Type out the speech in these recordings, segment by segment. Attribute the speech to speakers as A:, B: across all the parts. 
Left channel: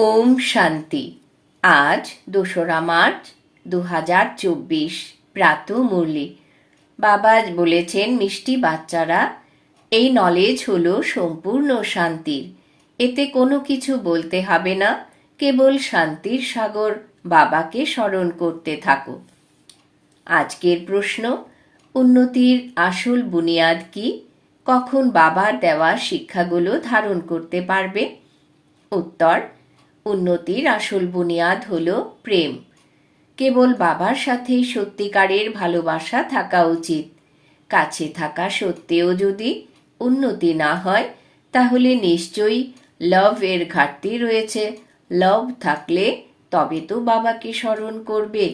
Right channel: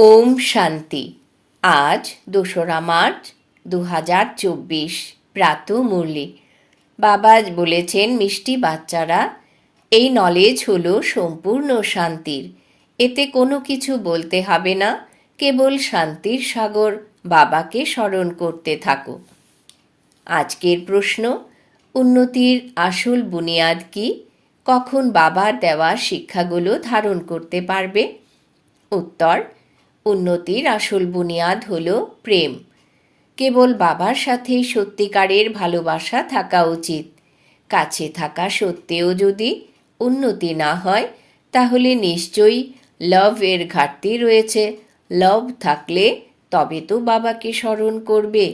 A: ওম শান্তি। আজ দোসরা মার্চ দু হাজার চব্বিশ, প্রাত মুরলি। বাবা বলেছেন, মিষ্টি বাচ্চারা, এই নলেজ হলো সম্পূর্ণ শান্তির। এতে কোনো কিছু বলতে হবে না, কেবল শান্তির সাগর বাবাকে স্মরণ করতে থাকো। আজকের প্রশ্ন, উন্নতির আসল বুনিয়াদ কি? কখন বাবার দেওয়া শিক্ষাগুলো ধারণ করতে পারবে? উত্তর উন্নতির আসল বুনিয়াদ হল প্রেম। কেবল বাবার সাথেই সত্যিকারের ভালোবাসা থাকা উচিত। কাছে থাকা সত্ত্বেও যদি উন্নতি না হয়, তাহলে নিশ্চয়ই লভ এর ঘাটতি রয়েছে। লভ থাকলে তবে তো বাবাকে স্মরণ করবে।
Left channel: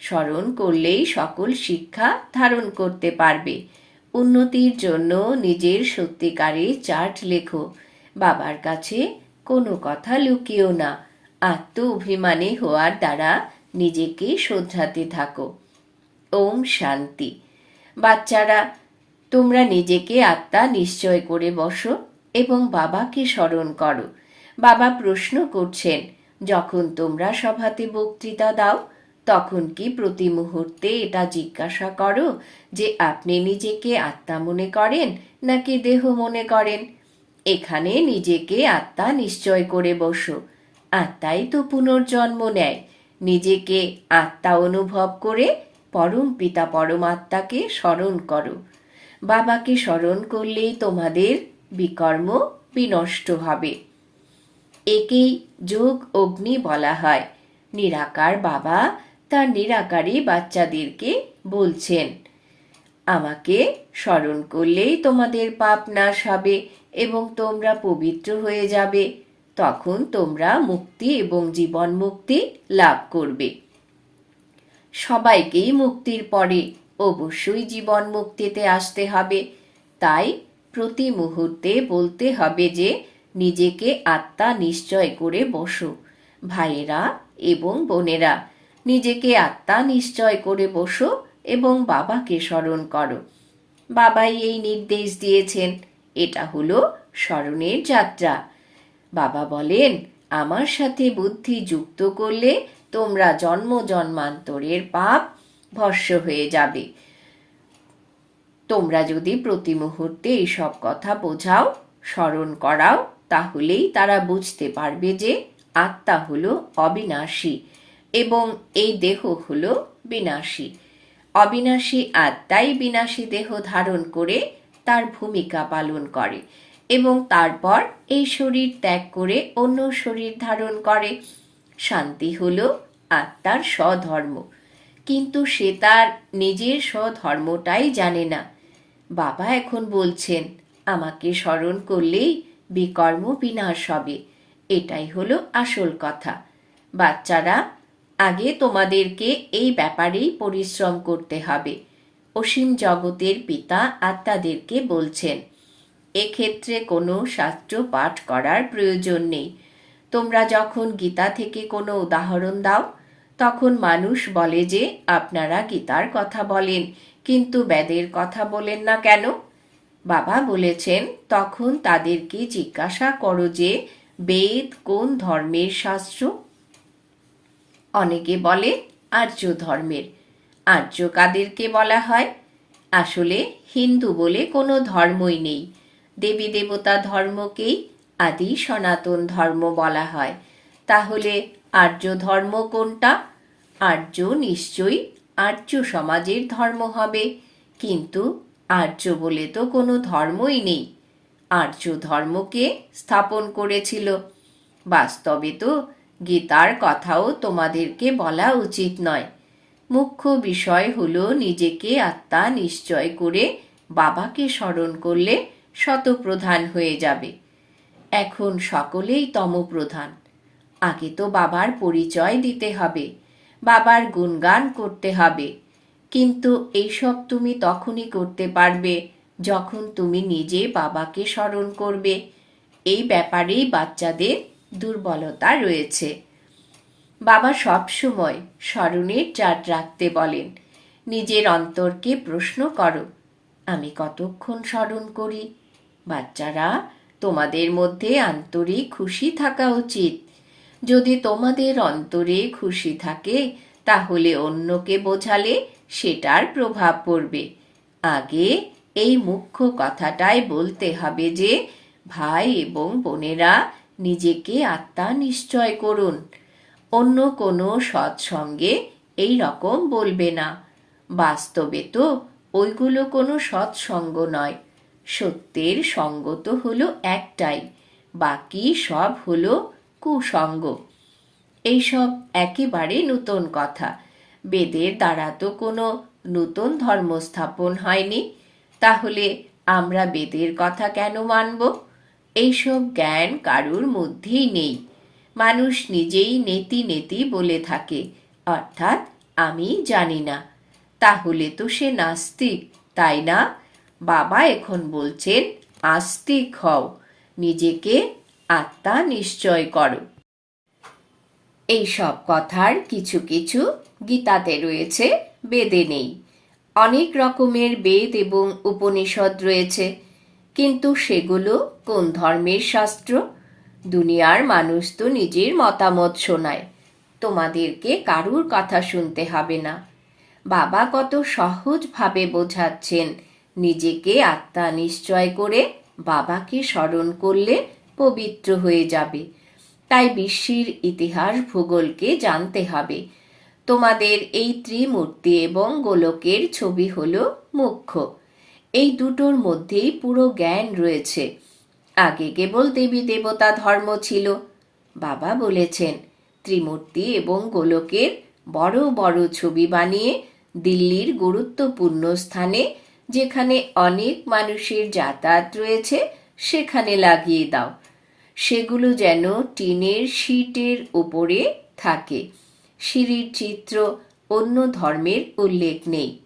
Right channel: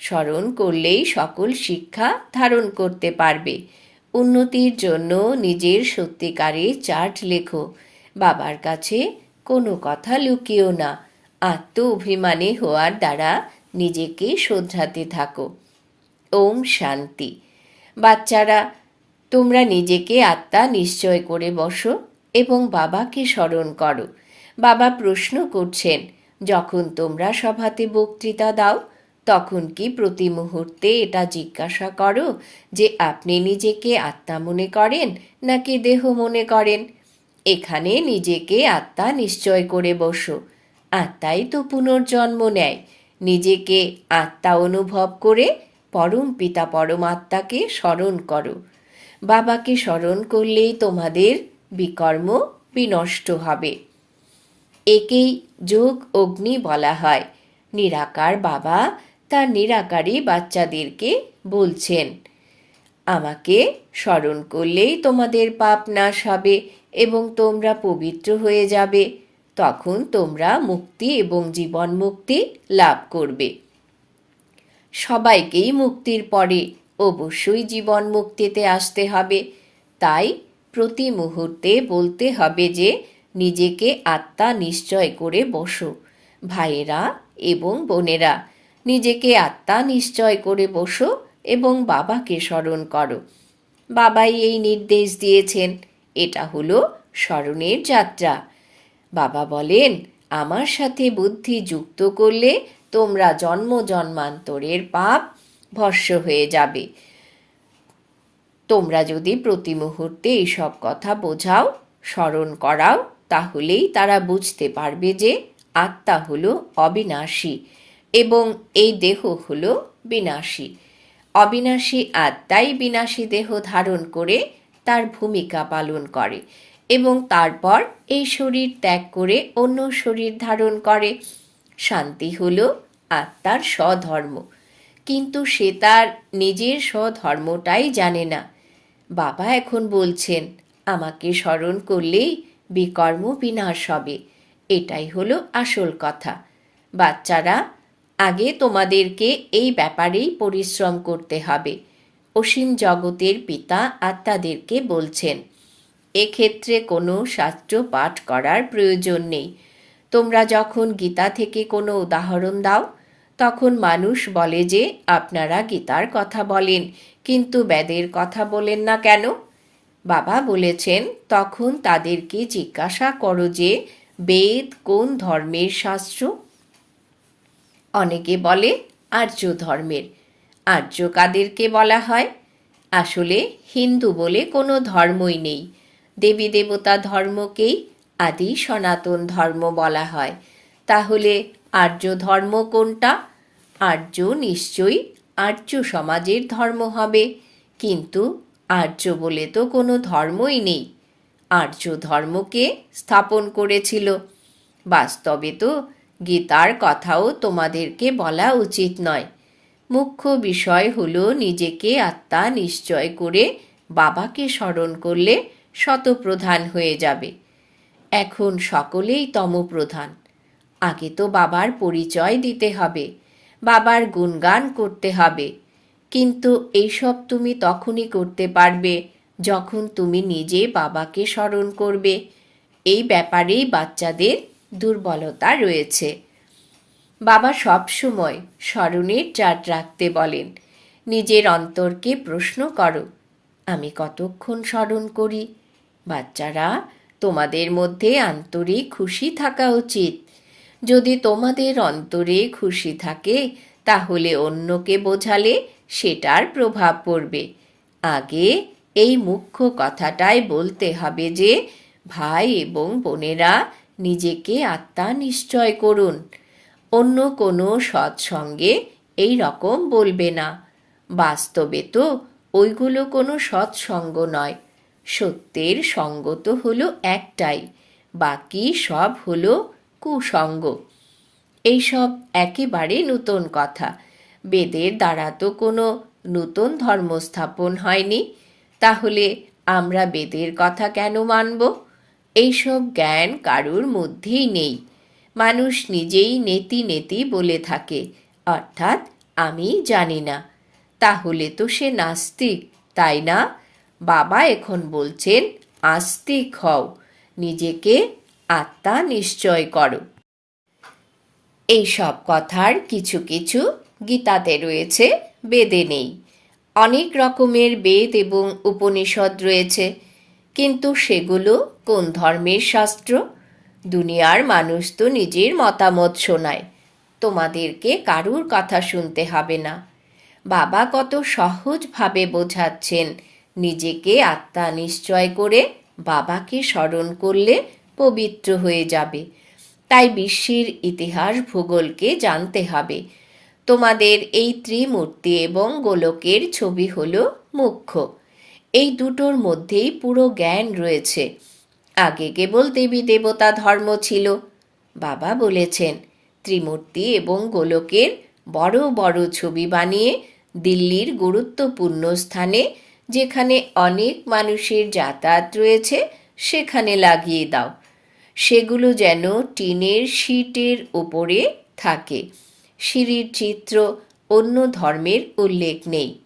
A: স্মরণ করলেই সকল শিক্ষা ধারণ করতে পারবে। উন্নতির জন্য নিজের সত্যিকারে চার্ট লেখো। বাবার কাছে কোনো কথা লুকিও না। আত্ম অভিমানী হওয়ার দ্বারা নিজেকে শোধরাতে থাকো। ওম শান্তি। বাচ্চারা, তোমরা নিজেকে আত্মা নিশ্চয় করে বসো এবং বাবাকে স্মরণ করো। বাবা প্রশ্ন করছেন, যখন তোমরা সভাতে বক্তৃতা দাও, তখন কি প্রতি মুহূর্তে এটা জিজ্ঞাসা করো যে আপনি নিজেকে আত্মা মনে করেন নাকি দেহ মনে করেন? এখানে নিজেকে আত্মা নিশ্চয় করে বসো। আত্মাই তো পুনর্জন্ম নেয়। নিজেকে আত্মা অনুভব করে পরম পিতা পরমাত্মাকে স্মরণ করো। বাবাকে স্মরণ করলেই তোমাদের বিকর্ম বিনষ্ট হবে। একেই যোগ অগ্নি বলা হয়। নিরাকার বাবা তার নিরাকারী বাচ্চাদেরকে বলছেন, আমাকে স্মরণ করলেই তোমাদের পাপ নাশ হবে। এবং তোমরা পবিত্র হয়ে যাবে, তখন তোমরা মুক্তি এবং জীবন মুক্তি লাভ করবে। সবাইকেই মুক্তির পরে অবশ্যই জীবন মুক্তিতে আসতে হবে। তাই প্রতি মুহূর্তে বলতে হবে যে, নিজেকে আত্মা নিশ্চয় করে বসো, ভাইয়েরা এবং বোনেরা। নিজেকে আত্মা নিশ্চয় করে বসো এবং বাবাকে স্মরণ করো। বাবাই এই নির্দেশ দিয়েছেন। এটা হলো স্মরণের যাত্রা। বাবা বলেন, আমার সাথে বুদ্ধি যুক্ত করলে তোমরা জন্ম জন্মান্তরের পাপ ভস্য হয়ে যাবে। তোমরা যদি প্রতি মুহূর্তে এইসব কথা বোঝাও, স্মরণ করাও, তাহলেই তারা বুঝতে পারবে যে আত্মা হলো অবিনাশী এবং এই দেহ হলো বিনাশী। অবিনাশী আত্মাই বিনাশী দেহ ধারণ করে তার ভূমিকা পালন করে এবং তারপর এই শরীর ত্যাগ করে অন্য শরীর ধারণ করে। শান্তি হল আত্মার স্বধর্ম। কিন্তু সে তার নিজের স্বধর্মটাই জানে না। বাবা এখন বলছেন, আমাকে স্মরণ করলেই বিকর্ম বিনাশ হবে। এটাই হলো আসল কথা। বাচ্চারা, আগে তোমাদেরকে এই ব্যাপারেই পরিশ্রম করতে হবে। অসীম জগতের পিতা আত্মাদেরকে বলছেন, এক্ষেত্রে কোনো শাস্ত্র পাঠ করার প্রয়োজন নেই। তোমরা যখন গীতা থেকে কোনো উদাহরণ দাও, তখন মানুষ বলে যে, আপনারা গীতার কথা বলেন, কিন্তু বেদের কথা বলেন না কেন? বাবা বলেছেন, তখন তাদেরকে জিজ্ঞাসা করো যে, বেদ কোন ধর্মের শাস্ত্র? অনেকে বলে, আর্য ধর্মের। আর্য কাদেরকে বলা হয়। আসলে হিন্দু বলে কোনো ধর্মই নেই। দেবী দেবতা ধর্মকেই আদি সনাতন ধর্ম বলা হয়। তাহলে আর্য ধর্ম কোনটা? আর্য নিশ্চয়ই আর্য সমাজের ধর্ম হবে। কিন্তু আর্য বলে তো কোনো ধর্মই নেই। আর্য ধর্মকে স্থাপন করেছিল। বাস্তবে তো গীতার কথাও তোমাদেরকে বলা উচিত নয়। মুখ্য বিষয় হল নিজেকে আত্মা নিশ্চয় করে বাবাকে স্মরণ করলে শতপ্রধান হয়ে যাবে। এখন সকলেই তমপ্রধান। আগে তো বাবার পরিচয় দিতে হবে, বাবার গুণগান করতে হবে। কিন্তু এইসব তুমি তখনই করতে পারবে যখন তুমি নিজে বাবাকে স্মরণ করবে। এই ব্যাপারেই বাচ্চাদের দুর্বলতা রয়েছে। বাবা সবসময় স্মরণের চাট রাখতে বলেন, নিজের অন্তরকে প্রশ্ন করো, আমি কতক্ষণ স্মরণ করি? বাচ্চারা, তোমাদের মধ্যে আন্তরিক খুশি থাকা উচিত। যদি তোমাদের অন্তরে খুশি থাকে, তাহলে অন্যকে বোঝালে সেটার প্রভাব পড়বে। আগে এই মুখ্য কথাটাই বলতে হবে যে, ভাই এবং বোনেরা নিজেকে আত্মা নিশ্চয় করুন। অন্য কোনো সৎসঙ্গে এই রকম বলবে না। বাস্তবে তো ওইগুলো কোনো সৎসঙ্গ নয়। সত্যের সঙ্গ তো হলো একটাই, বাকি সব হলো কুসঙ্গ। এইসব একেবারে নতুন কথা। বেদের দ্বারা তো কোনো নতুন ধর্ম স্থাপন হয়নি। তাহলে আমরা বেদের কথা কেন মানব? এইসব জ্ঞান কারুর মধ্যেই নেই। মানুষ নিজেই নেতি নেতি বলে থাকে। অর্থাৎ আমি জানি না। তাহলে তো সে নাস্তিক, তাই না? বাবা এখন বলছেন, আস্তিক হও, নিজেকে আত্মা নিশ্চয় করো। এই সব কথার কিছু কিছু গীতাতে রয়েছে, বেদে নেই। অনেক রকমের বেদ এবং উপনিষদ রয়েছে, কিন্তু সেগুলো কোন ধর্মের শাস্ত্র? দুনিয়ার মানুষ তো নিজের মতামত শোনায়। তোমাদেরকে কারুর কথা শুনতে হবে না। বাবা কত সহজভাবে বোঝাচ্ছেন, নিজেকে আত্মা নিশ্চয় করে বাবাকে স্মরণ করলে পবিত্র হয়ে যাবে। তাই বিশ্বের ইতিহাস ভূগোলকে জানতে হবে। তোমাদের এই ত্রিমূর্তি এবং গোলকের ছবি হলো মুখ্য। এই দুটোর মধ্যেই পুরো জ্ঞান রয়েছে। আগে কেবল দেবী দেবতা ধর্ম ছিল। বাবা বলেছেন, ত্রিমূর্তি এবং গোলকের বড় বড় ছবি বানিয়ে দিল্লির গুরুত্বপূর্ণ স্থানে যেখানে অনেক মানুষের যাতায়াত রয়েছে, সেখানে লাগিয়ে দাও। সেগুলো যেন টিনের শীটের ওপরে থাকে। সিঁড়ির চিত্র অন্য ধর্মের উল্লেখ নেই।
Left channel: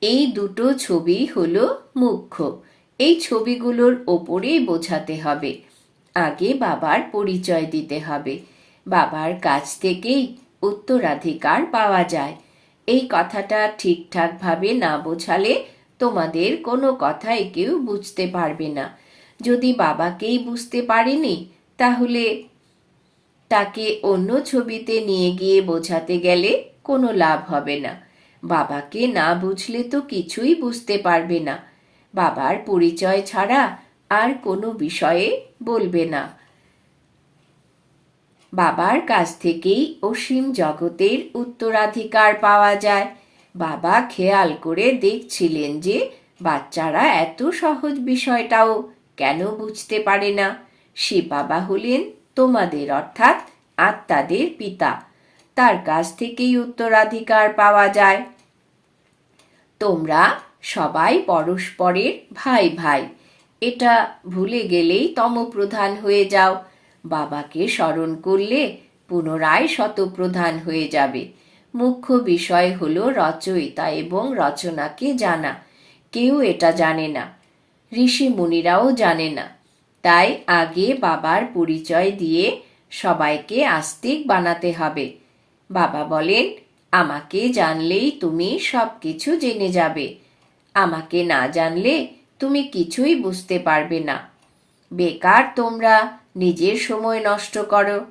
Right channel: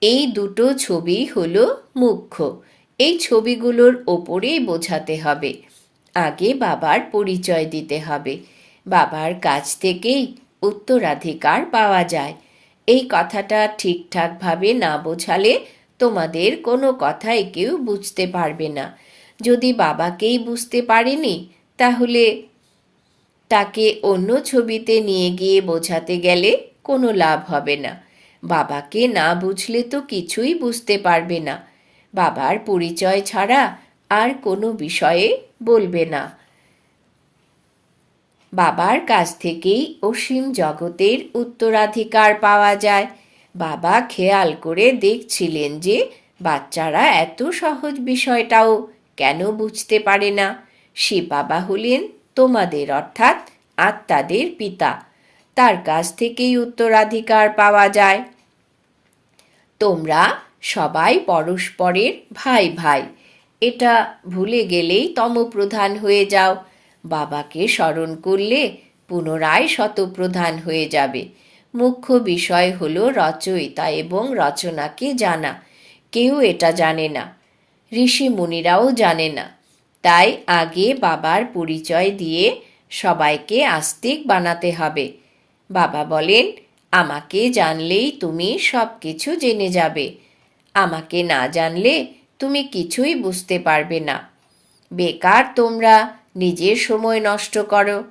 A: এই দুটো ছবি হলো মুখ্য। এই ছবিগুলোর ওপরেই বোঝাতে হবে। আগে বাবার পরিচয় দিতে হবে। বাবার কাছ থেকেই উত্তরাধিকার পাওয়া যায়। এই কথাটা ঠিকঠাকভাবে না বোঝালে তোমাদের কোনো কথাই কেউ বুঝতে পারবে না। যদি বাবাকেই বুঝতে পারেনি, তাহলে তাকে অন্য ছবিতে নিয়ে গিয়ে বোঝাতে গেলে কোনো লাভ হবে না। বাবাকে না বুঝলে তো কিছুই বুঝতে পারবে না। বাবার পরিচয় ছাড়া আর কোনো বিষয়ে বলবে না। বাবার কাছ থেকেই অসীম জগতের উত্তরাধিকার পাওয়া যায়। বাবা খেয়াল করে দেখছিলেন যে বাচ্চারা এত সহজ বিষয়টাও কেন বুঝতে পারে না। সে বাবা হলেন তোমাদের, অর্থাৎ আত্মাদের পিতা। তার কাছ থেকেই উত্তরাধিকার পাওয়া যায়। তোমরা সবাই পরস্পরের ভাই ভাই। এটা ভুলে গেলেই তমপ্রধান হয়ে যাও। বাবাকে স্মরণ করলে পুনরায় শতপ্রধান হয়ে যাবে। মুখ্য বিষয় হল রচয়িতা এবং রচনাকে জানা। কেউ এটা জানে না। ঋষি মুনিরাও জানে না। তাই আগে বাবার পরিচয় দিয়ে সবাইকে আস্তিক বানাতে হবে। বাবা বলেন, আমাকে জানলেই তুমি সব কিছু জেনে যাবে। আমাকে না জানলে তুমি কিছুই বুঝতে পারবে না। বেকার তোমরা নিজের সময় নষ্ট করো।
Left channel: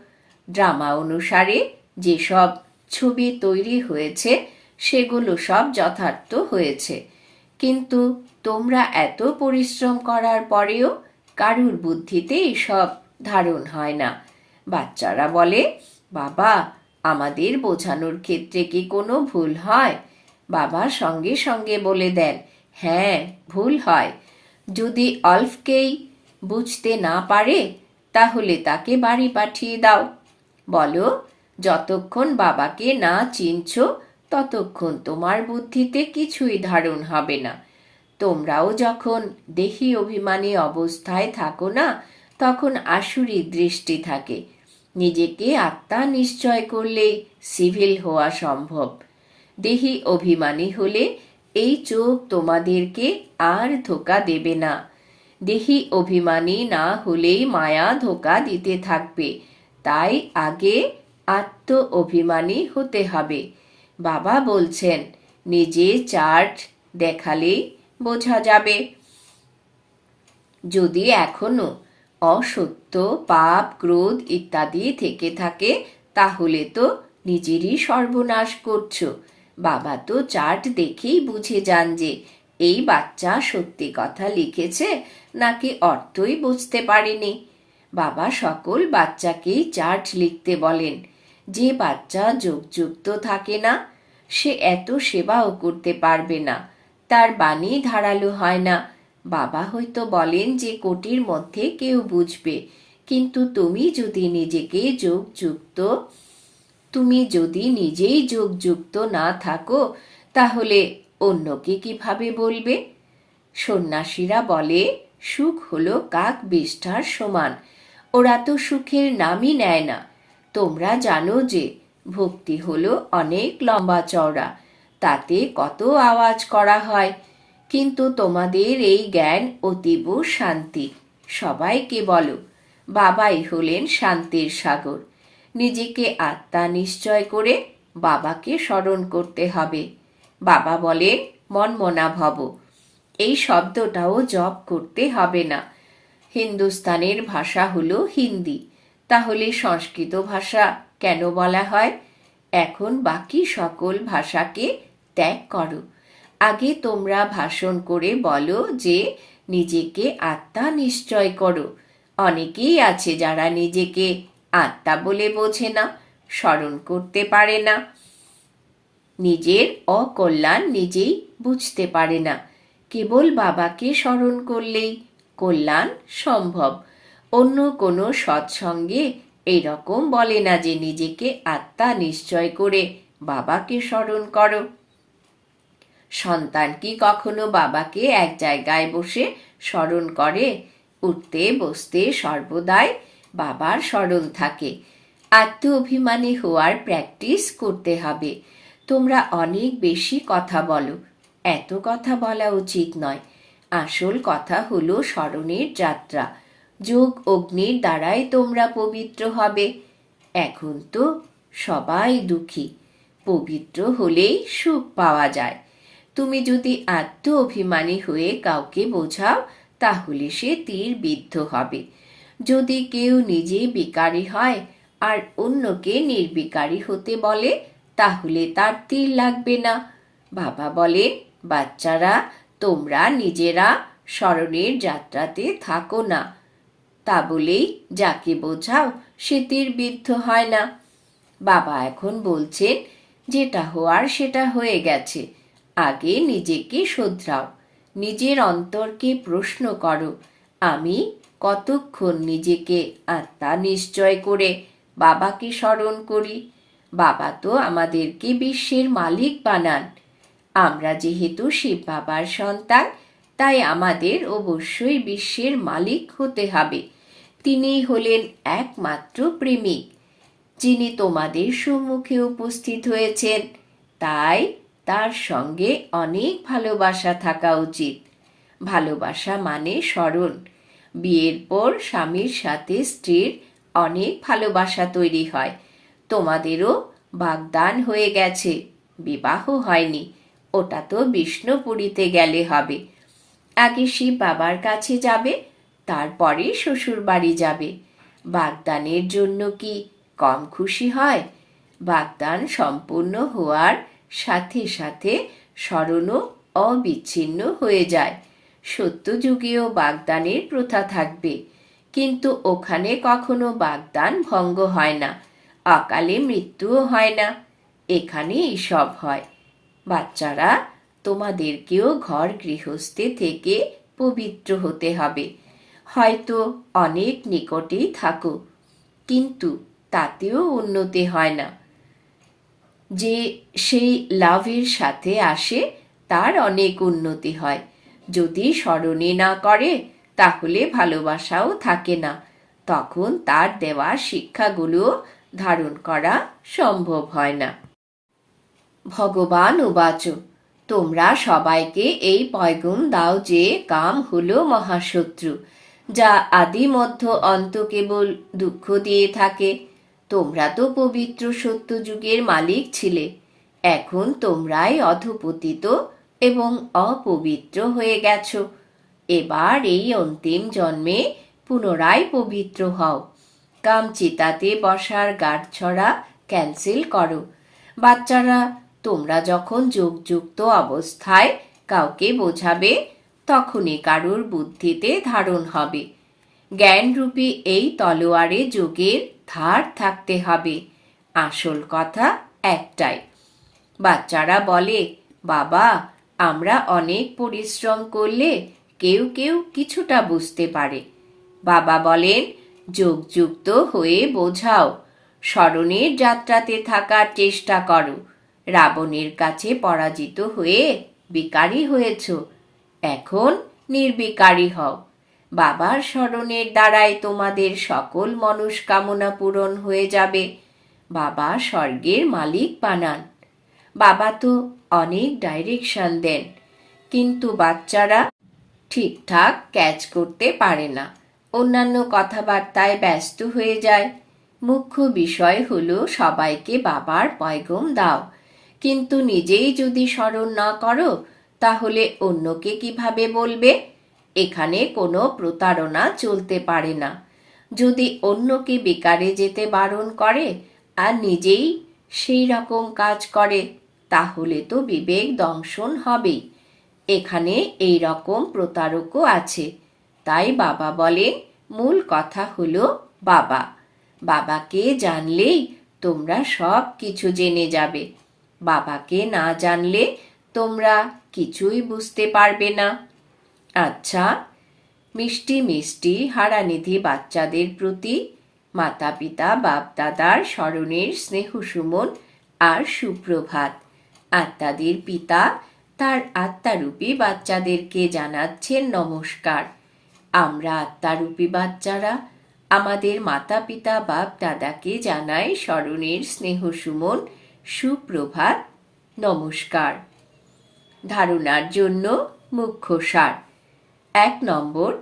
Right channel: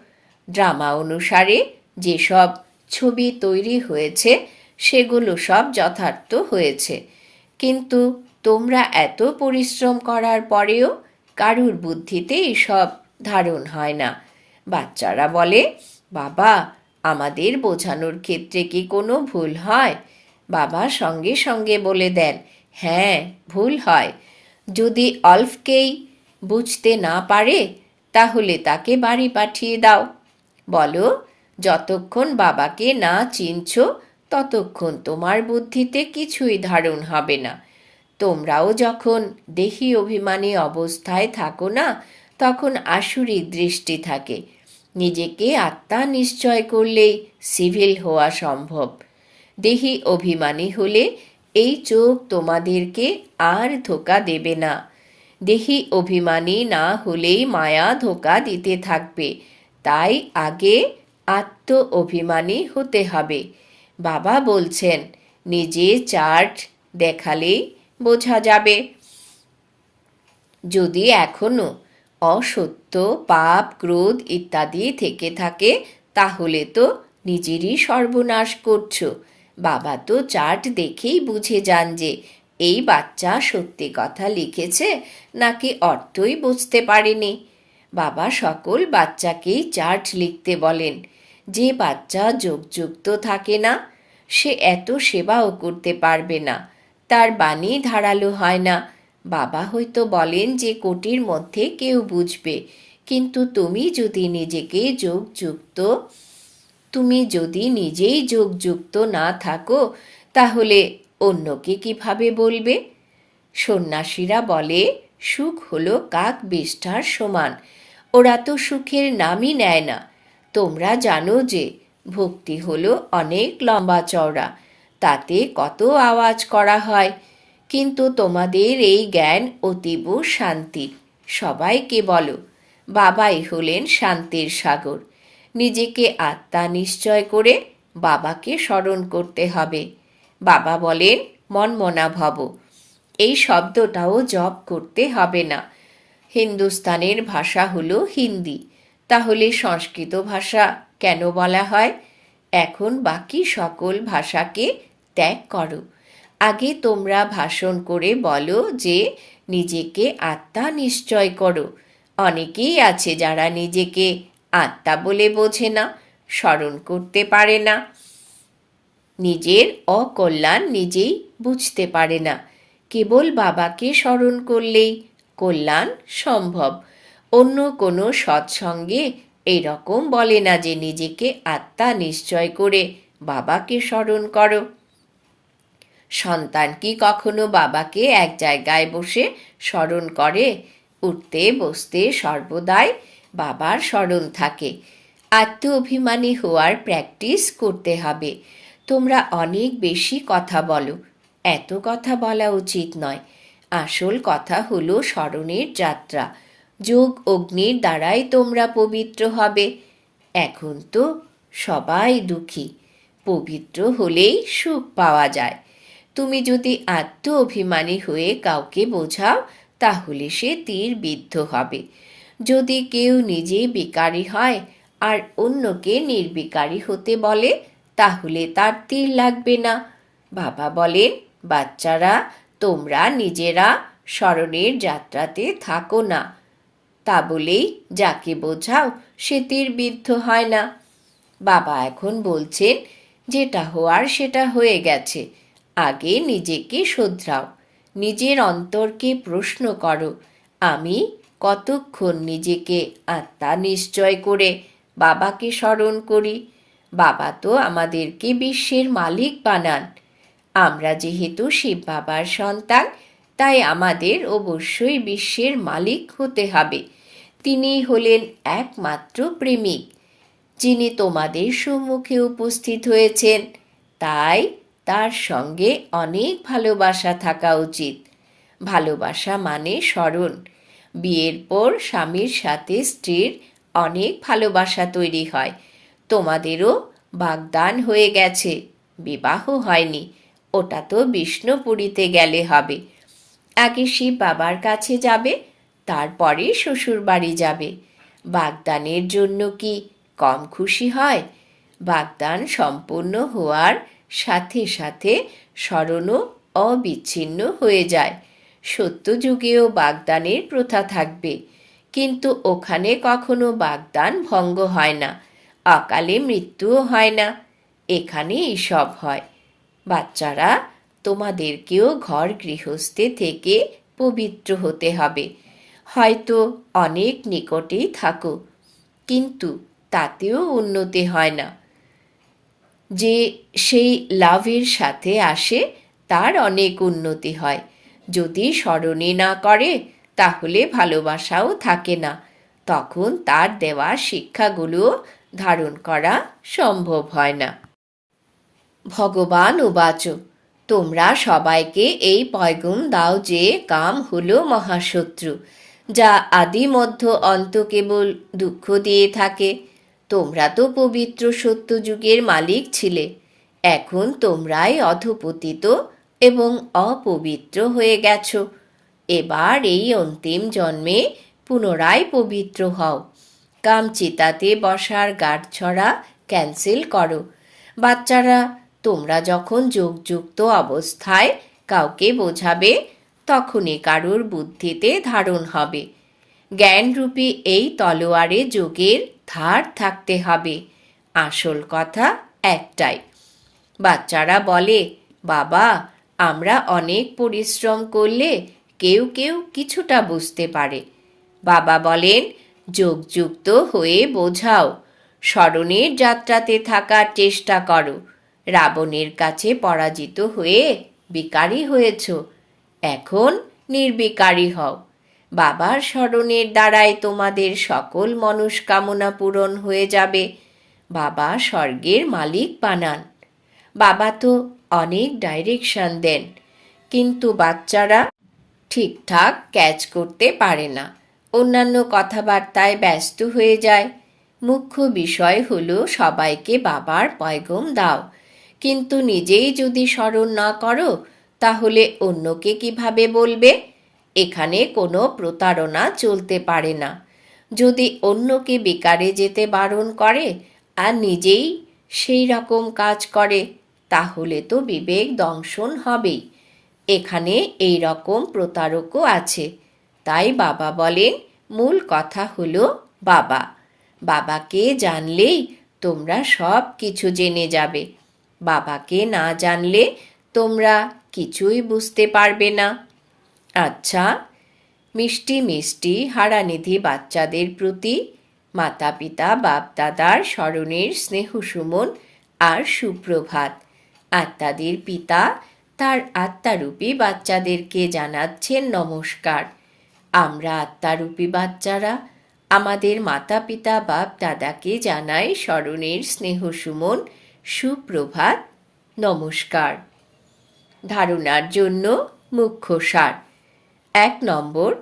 A: ড্রামা অনুসারে যেসব ছবি তৈরি হয়েছে, সেগুলো সব যথার্থ হয়েছে। কিন্তু তোমরা এত পরিশ্রম করার পরেও কারুর বুদ্ধিতে এসব ধারণ হয় না। বাচ্চারা বলে, বাবা, আমাদের বোঝানোর ক্ষেত্রে কি কোনো ভুল হয়? বাবা সঙ্গে সঙ্গে বলে দেন হ্যাঁ ভুল হয়। যদি অল্ফকেই বুঝতে না পারে, তাহলে তাকে বাড়ি পাঠিয়ে দাও। বলো, যতক্ষণ বাবাকে না চিনছ, ততক্ষণ তোমার বুদ্ধিতে কিছুই ধারণ হবে না। তোমরাও যখন দেহি অভিমানী অবস্থায় থাকো না, তখন আসুরিক দৃষ্টি থাকে। নিজেকে আত্মা নিশ্চয় করলেই সিভিল হওয়া সম্ভব। দেহি অভিমানী হলে এই চোখ তোমাদেরকে আর ধোকা দেবে না। দেহি অভিমানী না হলেই মায়া ধোকা দিতে থাকবে। তাই আগে আত্ম অভিমানী হতে হবে। বাবা বলছেন, নিজে চার্ট দেখালেই বোঝা যাবে। যদি এখনও অসত্য, পাপ, ক্রোধ ইত্যাদি থেকে থাকে, তাহলে তো নিজেরই সর্বনাশ করছ। বাবা তো চার্ট দেখেই বুঝে যান যে এই বাচ্চা সত্যি কথা লিখেছে নাকি অর্থই বুঝতে পারেনি। বাবা সকল বাচ্চাকেই চার্ট লিখতে বলেন, যে বাচ্চা যোগযুক্ত থাকে না, সে এত সেবাও করতে পারবে না, তার বাণী ধারালো হয় না। বাবা হয়তো বলেন যে কোটির মধ্যে কেউ বুঝবে, কিন্তু তুমি যদি নিজেকে যোগযুক্ত তুমি যদি নিজেই যোগযুক্ত না থাকো, তাহলে অন্যকে কীভাবে বলবে? সন্ন্যাসীরা বলে, সুখ হলো কাক বিষ্ঠার সমান। ওরা তো সুখের নামই নেয় না। তোমরা জানো যে, ভক্তি হলো অনেক লম্বা চওড়া। তাতে কত আওয়াজ করা হয়। কিন্তু তোমাদের এই জ্ঞান অতীব শান্তি। সবাইকে বলো, বাবাই হলেন শান্তির সাগর। নিজেকে আত্মা নিশ্চয় করে বাবাকে স্মরণ করতে হবে। বাবা বলেন মনমনা ভব। এই শব্দটাও জপ করতে হবে না। হিন্দুস্তানের ভাষা হলো হিন্দি। তাহলে সংস্কৃত ভাষা কেন বলা হয়? এখন বাকি সকল ভাষাকে ত্যাগ করো। আগে তোমরা ভাষণ করে বলো যে, নিজেকে আত্মা নিশ্চয় করো। অনেকেই আছে যারা নিজেকে আত্মা বলে বোঝে না, স্মরণ করতে পারে না। নিজের অকল্যাণ নিজেই বুঝতে পারে না। কেবল বাবাকে স্মরণ করলেই কল্যাণ সম্ভব। অন্য কোনো সৎসঙ্গে এরকম বলে না যে নিজেকে আত্মা নিশ্চয় করে বাবাকে স্মরণ করো। সন্তান কি কখনো বাবাকে এক জায়গায় বসে স্মরণ করে? উঠতে, বসতে সর্বদাই বাবার সরল থাকে। আত্ম অভিমানী হওয়ার প্র্যাকটিস করতে হবে। তোমরা অনেক বেশি কথা বলো। এত কথা বলা উচিত নয়। আসল কথা হলো স্মরণের যাত্রা। যোগ অগ্নির দ্বারাই তোমরা পবিত্র হবে। এখন তো সবাই দুঃখী। পবিত্র হলেই সুখ পাওয়া যায়। তুমি যদি আত্ম অভিমানী হয়ে কাউকে বোঝাও, তাহলে সে তীর বিদ্ধ হবে। যদি কেউ নিজে বিকারী হয় আর অন্যকে নির্বিকারী হতে বলে, তাহলে তার তীর লাগবে না। বাবা বলেন, বাচ্চারা, তোমরা নিজেরা স্মরণের যাত্রাতে থাকো না। তা বলেই যাকে বোঝাও, সে তীর বিদ্ধ হয় না। বাবা এখন বলছেন, যেটা হওয়ার সেটা হয়ে গেছে। আগে নিজেকে শোধরাও। নিজের অন্তরকে প্রশ্ন করো, আমি কতক্ষণ নিজেকে আত্মা নিশ্চয় করে বাবাকে স্মরণ করি? বাবা তো আমাদেরকে বিশ্বের মালিক বানান। আমরা যেহেতু শিব বাবার সন্তান, তাই আমাদের অবশ্যই বিশ্বের মালিক হতে হবে। তিনি হলেন একমাত্র প্রেমিক, যিনি তোমাদের সম্মুখে উপস্থিত হয়েছেন। তাই তার সঙ্গে অনেক ভালোবাসা থাকা উচিত। ভালোবাসা মানে স্মরণ। বিয়ের পর স্বামীর সাথে স্ত্রীর অনেক ভালোবাসা তৈরি হয়। তোমাদেরও বাগদান হয়ে গেছে। বিবাহ হয়নি। ওটা তো বিষ্ণুপুরীতে গেলে হবে। আগে শিব বাবার কাছে যাবে, তারপরে শ্বশুর বাড়ি যাবে। বাগদানের জন্য কি কম খুশি হয়? বাগদান সম্পূর্ণ হওয়ার সাথে সাথে স্মরণও অবিচ্ছিন্ন হয়ে যায়। সত্যযুগেও বাগদানের প্রথা থাকবে। কিন্তু ওখানে কখনো বাগদান ভঙ্গ হয় না। অকালে মৃত্যুও হয় না। এখানে এসব হয়। বাচ্চারা, তোমাদেরকেও ঘর গৃহস্থে থেকে পবিত্র হতে হবে। হয়তো অনেক নিকটেই থাকো, কিন্তু তাতেও উন্নতি হয় না। যে সেই লাভের সাথে আসে, তার অনেক উন্নতি হয়। যদি স্মরণে না করে, তাহলে ভালোবাসাও থাকে না। তখন তার দেওয়া শিক্ষাগুলো ধারণ করা সম্ভব হয় না। ভগবান উবাচ, তোমরা সবাইকে এই পয়গুম দাও যে কাম হলো মহাশত্রু, যা আদি মধ্য অন্ত কেবল দুঃখ দিয়ে থাকে। তোমরা তো পবিত্র সত্যযুগের মালিক ছিলে, এখন তোমরাই অধপতিত এবং অপবিত্র হয়ে গেছ। এবার এই অন্তিম জন্মে পুনরায় পবিত্র হও। কামচিতাতে বসার গাঁটছড়া ক্যান্সেল করো। বাচ্চারা, তোমরা যখন যোগযুক্ত অবস্থায় কাউকে বোঝাবে, তখনই কারুর বুদ্ধিতে ধারণ হবে। জ্ঞানরূপী এই তলোয়ারে যোগের ধার থাকতে হবে। আসল কথা একটাই। বাচ্চারা বলে, বাবা আমরা অনেক পরিশ্রম করলে কেউ কেউ কিছুটা বুঝতে পারে। বাবা বলেন, যোগযুক্ত হয়ে বোঝাও। স্মরণের যাত্রাতে থাকার চেষ্টা করো। রাবণের কাছে পরাজিত হয়ে বিকারী হয়েছ। এখন নির্বিকারী হও। বাবার স্মরণের দ্বারাই তোমাদের সকল মনস্কামনা পূরণ হয়ে যাবে। বাবা স্বর্গের মালিক বানান। বাবা তো অনেক ডাইরেকশন দেন। কিন্তু বাচ্চারা ঠিকঠাক ক্যাচ করতে পারে না। অন্যান্য কথাবার্তায় ব্যস্ত হয়ে যায়। মুখ্য বিষয় হলো সবাইকে বাবার পয়গম দাও। কিন্তু নিজেই যদি স্মরণ না করো, তাহলে অন্যকে কীভাবে বলবে? এখানে কোনো প্রতারণা চলতে পারে না। যদি অন্যকে বেকারে যেতে বারণ করে, আর নিজেই সেই রকম কাজ করে তাহলে তো বিবেক দংশন হবেই। এখানে এই রকম প্রতারকও আছে। তাই বাবা বলেন, মূল কথা হলো বাবা। বাবাকে জানলেই তোমরা সব কিছু জেনে যাবে। বাবাকে না জানলে তোমরা কিছুই বুঝতে পারবে না। আচ্ছা মিষ্টি মিষ্টি হারানিধি বাচ্চাদের প্রতি মাতা পিতা বাপদাদার স্মরণের স্নেহ সুমন আর সুপ্রভাত। আত্মাদের পিতা, তার আত্মারূপী বাচ্চাদেরকে জানাচ্ছেন নমস্কার। আমরা আত্মারূপী বাচ্চারা, আমাদের মাতা পিতা বাপ দাদাকে জানাই স্মরণের স্নেহ সুমন, সুপ্রভাত, নমস্কার। ধারণার জন্য মুখ্য সার। এক নম্বর,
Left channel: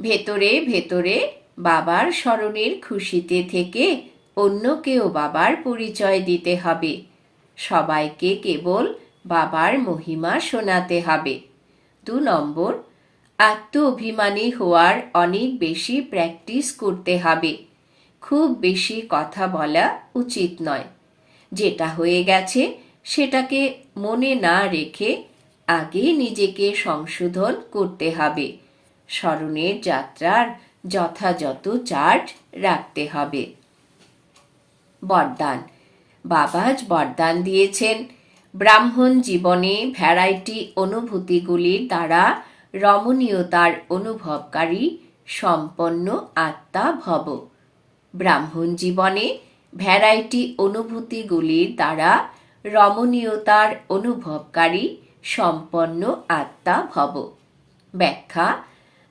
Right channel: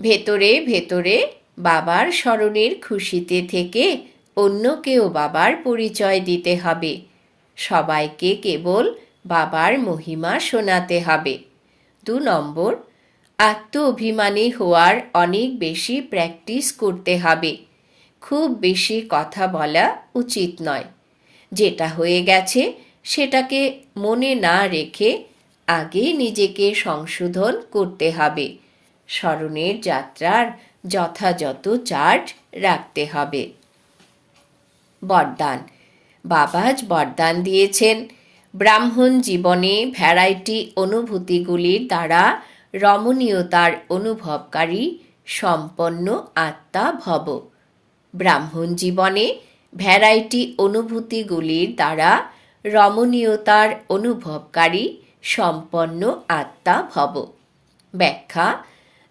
A: ভেতরে ভেতরে বাবার স্মরণের খুশিতে থেকে অন্যকেও বাবার পরিচয় দিতে হবে। সবাইকে কেবল বাবার মহিমা শোনাতে হবে। দু নম্বর আত্ম অভিমানী হওয়ার অনেক বেশি প্র্যাকটিস করতে হবে। খুব বেশি কথা বলা উচিত নয়। যেটা হয়ে গেছে সেটাকে মনে না রেখে আগে নিজেকে সংশোধন করতে হবে। স্মরণের যাত্রার যথাযথ চার্জ রাখতে হবে। বরদান বাবাজ বরদান দিয়েছেন। ব্রাহ্মণ জীবনে ভ্যারাইটি অনুভূতিগুলির দ্বারা রমণীয়তার অনুভবকারী সম্পন্ন আত্মা ভব। ব্রাহ্মণ জীবনে ভ্যারাইটি অনুভূতিগুলির দ্বারা রমণীয়তার অনুভবকারী সম্পন্ন আত্মা ভব। ব্যাখ্যা,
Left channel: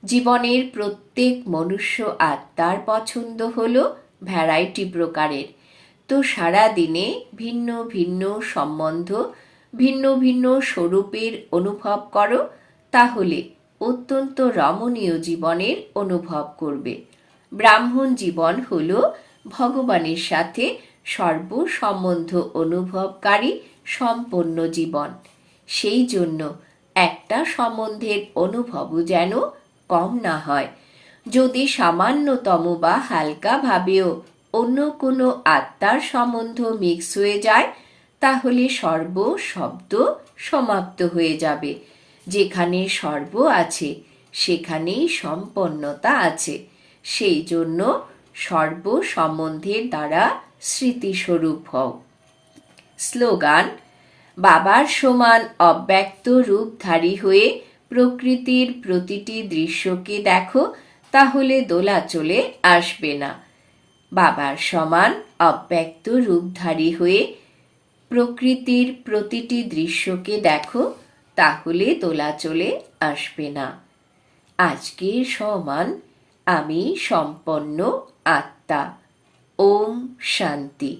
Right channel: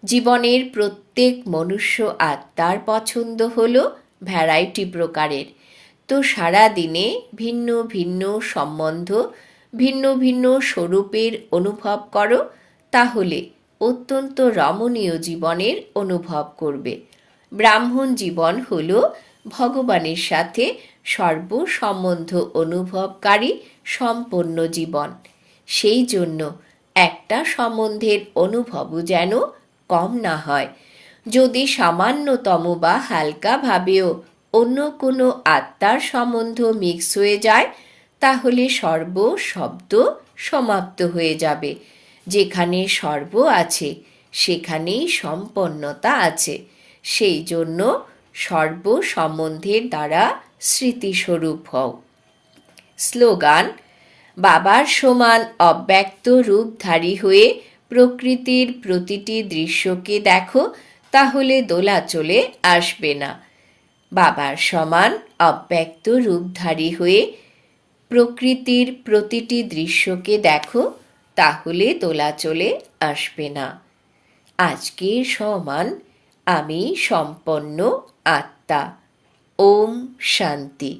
A: জীবনের প্রত্যেক মনুষ্য আত্মার পছন্দ হল ভ্যারাইটি প্রকারের। তো সারা দিনে ভিন্ন ভিন্ন সম্বন্ধ, ভিন্ন ভিন্ন স্বরূপের অনুভব করো, তাহলে অত্যন্ত রমণীয় জীবনের অনুভব করবে। ব্রাহ্মণ জীবন হল ভগবানের সাথে সর্বসম্বন্ধ অনুভবকারী সম্পন্ন জীবন। সেই জন্য একটা সম্বন্ধের অনুভবও যেন কম না হয়। যদি সামান্যতম বা হালকাভাবেও অন্য কোনো আত্মার সম্বন্ধ মিক্স হয়ে যায়, তাহলে সর্ব শব্দ সমাপ্ত হয়ে যাবে। যেখানে সর্ব আছে, সেখানেই সম্পন্নতা আছে। সেই জন্য সর্ব সম্বন্ধের দ্বারা স্মৃতিস্বরূপ হও। স্লোগান, বাবার সমান অব্যক্ত রূপধারী হয়ে প্রকৃতির প্রতিটি দৃশ্যকে দেখো, তাহলে দোলা চলে আসবে না। বাবার সমান অব্যক্ত রূপধারী হয়ে প্রকৃতির প্রতিটি দৃশ্যকে দেখো, তাহলে তোলা চলে আসবে না। আজকে সমান আমি সম্পন্ন আত্মা। ওম শান্তি।